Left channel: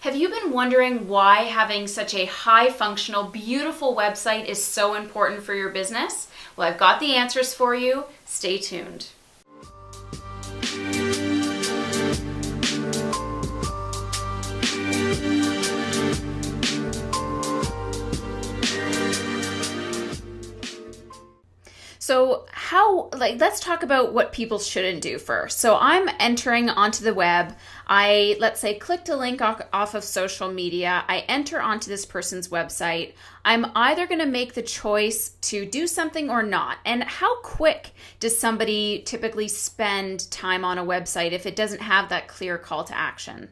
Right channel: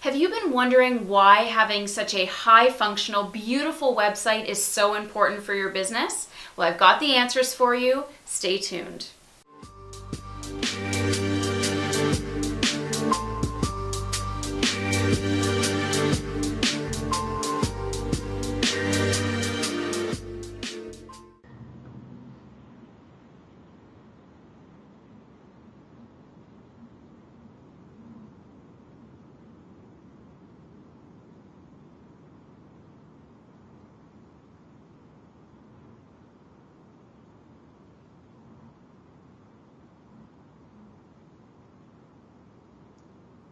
Have you been wondering why having such a high functional, beautiful website is so important for your business? Well, I've got the answers for you. Stay tuned. So let's talk about what people shouldn't do first. So I'm entering onto the web. Let's say, clicked a link off of social media. I enter onto this person's website. I'm either going to make the choice to do something or not. And how quick does somebody typically spend time on a website if it doesn't have that clear call to action?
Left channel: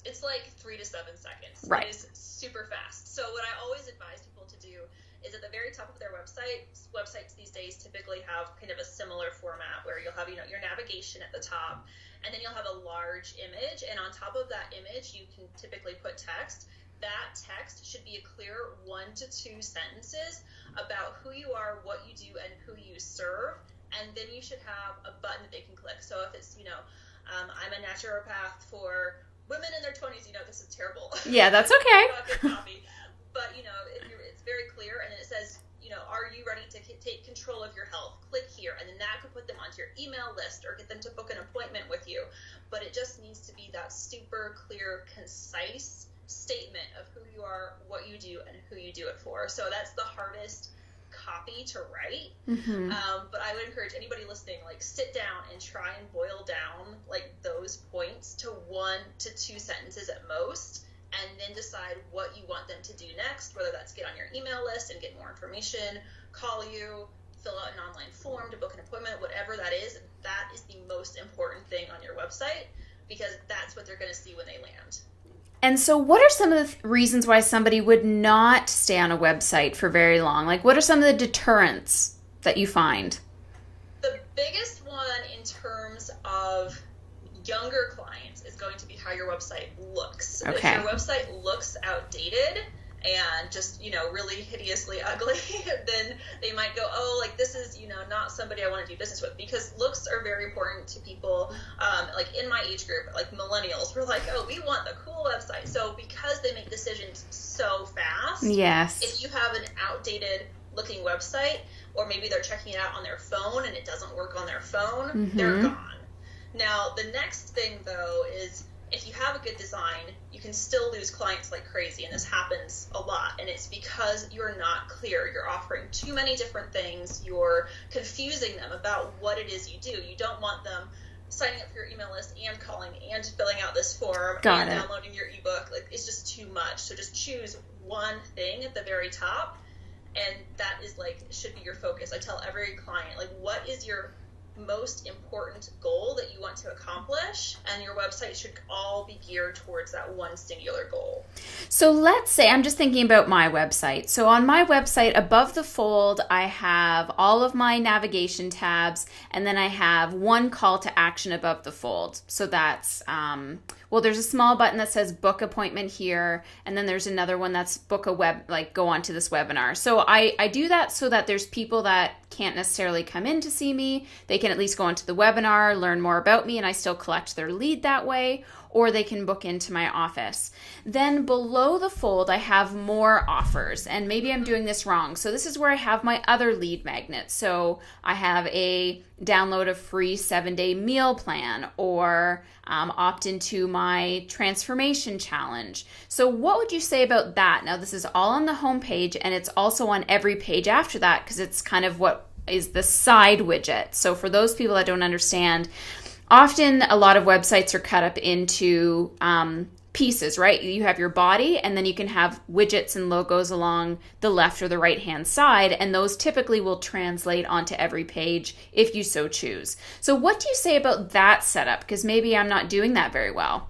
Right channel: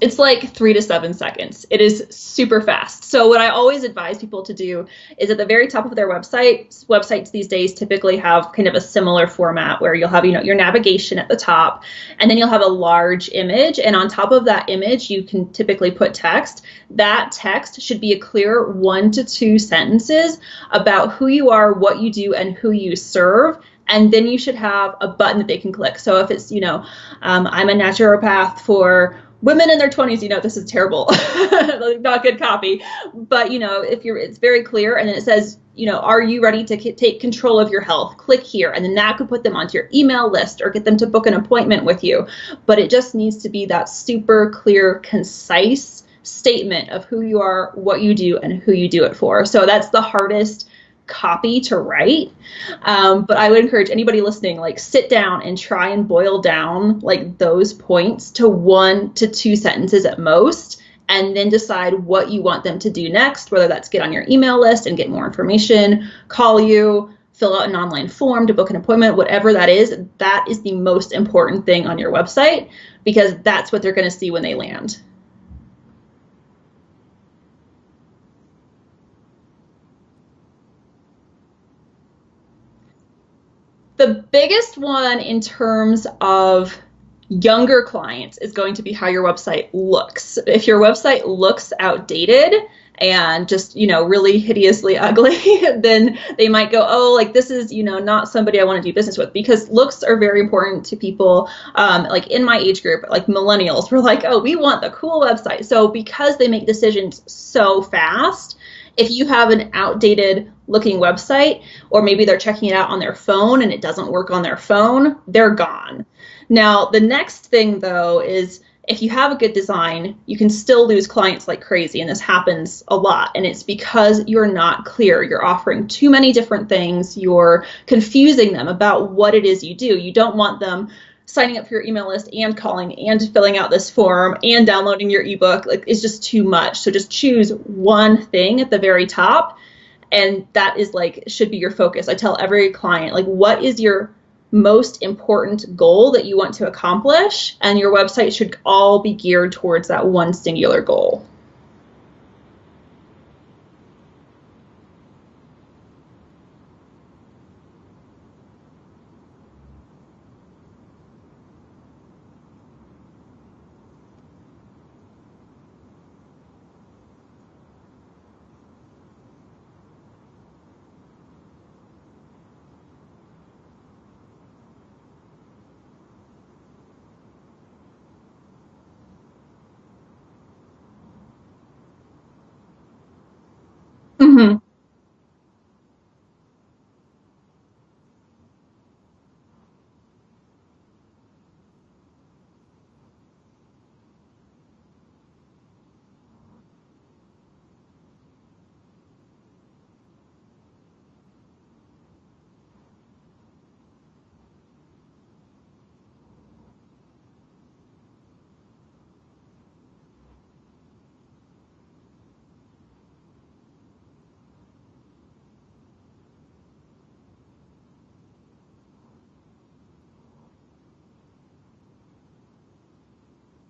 It's like 3 to 7 seconds. It is super fast. So what I always advise people to do is at the very top of their websites these days typically have kind of a similar format where you'll have, your navigation at the top, and then you'll have a large image. And on top of that image, you can typically put text. That text should be a clear 1 to 2 sentences about who you are, what you do, and who you serve. And then you should have a button that they can click. So if it's, I'm a naturopath for women in their 20s, this is terrible. Yeah, that's okay. Not good copy. But, it's very clear. And then it says, are you ready to take control of your health? Click here. And then that could put them onto your email list or get them to book an appointment with you. But it just needs to be that super clear, concise statement of who you are, what you do, and who you do it for. So that's the hardest copy to write. Mm-hmm. But I would encourage anybody listening, sit down and try and boil down those points to 1 to 2 sentences at most, and then decide what you want them to do next, whether that's get on your email list and get more information, call you, fill out an online form to book an appointment, whatever that is the most important thing on your website, because that's what they're going to see when they land. And so what are some of the reasons why somebody would not stay on a website for very long? What are some of the deterrents that you find? The biggest one in terms of younger clients is going to be how your website looks. Okay. If your website looks outdated and just, really hideously ugly, then they might go, this is, not somebody I want to do business with, because looks are very important to people. In my age group, millennials, we're we want the cool website. So because they make decisions so fast, yes, if you have an outdated looking website, or maybe they're checking it out on their phone and it doesn't work on their phone, mm-hmm. they're gone. Now, the next thing though is, if you have a good design, you can still lose clients like crazy, and this happens a lot. And it's because you're not clear. You're offering too many different things. You're confusing them about what it is you do. You don't want them signing up for your email list and calling and filling out this form and downloading your ebook. It's just too much. So just choose one thing at the very top, and that is should be your focus. I tell every client, what is your most important goal that you want to accomplish, and your website should all be geared towards that one singular goal. So let's say, I'm just thinking about my website. So on my website, above the fold, I have all of my navigation tabs, and then I have one call to action above the fold. So that's, there's a small button that says book appointment here, and then there's another one that's book a web, go on to this webinar. So I do that so that there's people that can't necessarily come in to see me. They can at least go onto the webinar, learn more about me, and I still collect their lead that way, or they can book into my office. Then below the fold, I have more offers, and maybe mm-hmm. I'm doing this wrong. So this is where I have my other lead magnets. So I have a download a free 7-day meal plan, or opt into my transformation challenge. So what would you say about that? Now, this is all on the homepage, and it's also on every page after that, because it's kind of what is the side widget. So for those people that don't understand, often a lot of websites are cut up into pieces, right? You have your body, and then you can have widgets and logos along the left or the right hand side, and those typically will translate onto every page if you so choose. So what do you say about that setup? Because maybe I'm not doing that very well.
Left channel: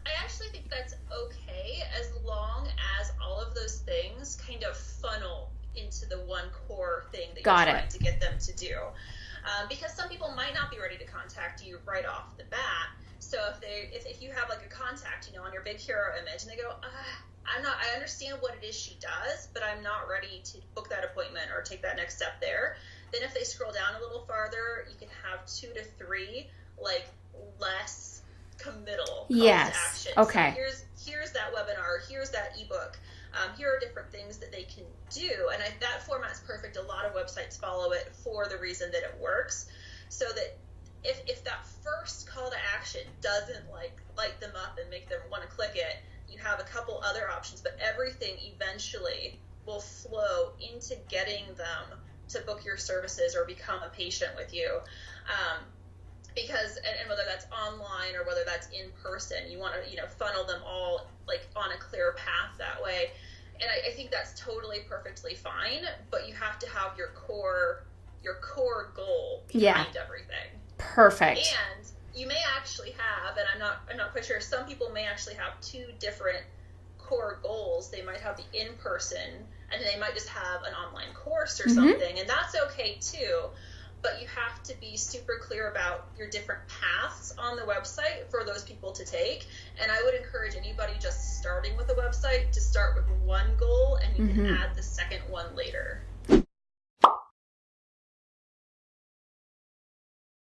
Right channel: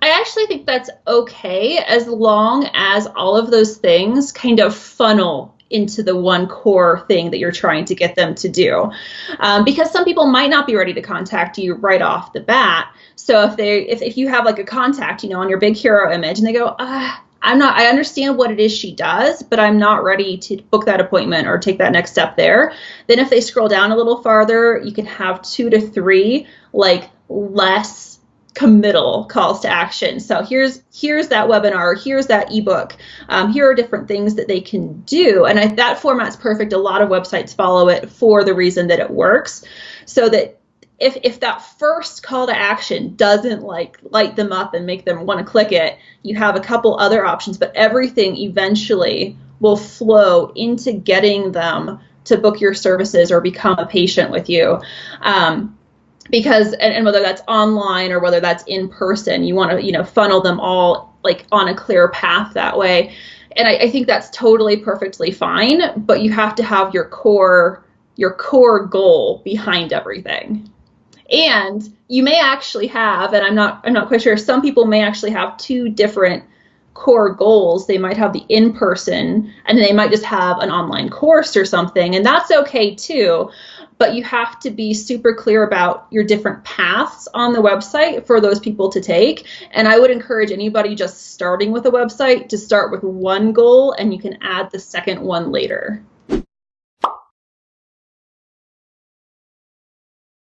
I actually think that's okay, as long as all of those things kind of funnel into the one core thing that you're trying to get them to do. Because some people might not be ready to contact you right off the bat. So if you have a contact, on your big hero image, and they go, I understand what it is she does, but I'm not ready to book that appointment or take that next step there. Then if they scroll down a little farther, you can have 2 to 3 less committal calls Yes. to action. Okay. So here's that webinar, here's that ebook, here are different things that they can do. And that format's perfect. A lot of websites follow it for the reason that it works. So that if that first call to action doesn't like light them up and make them want to click it, you have a couple other options, but everything eventually will flow into getting them to book your services or become a patient with you. Because, and whether that's online or whether that's in person, you want to, funnel them all like on a clear path that way. And I think that's totally perfectly fine, but you have to have your core goal behind everything. Perfect. And you may actually have, and I'm not quite sure, some people may actually have two different core goals. They might have the in-person, and then they might just have an online course or something, and that's okay too. But you have to be super clear about your different paths on the website for those people to take. And I would encourage anybody just starting with a website to start with one goal, and you can add the second one later.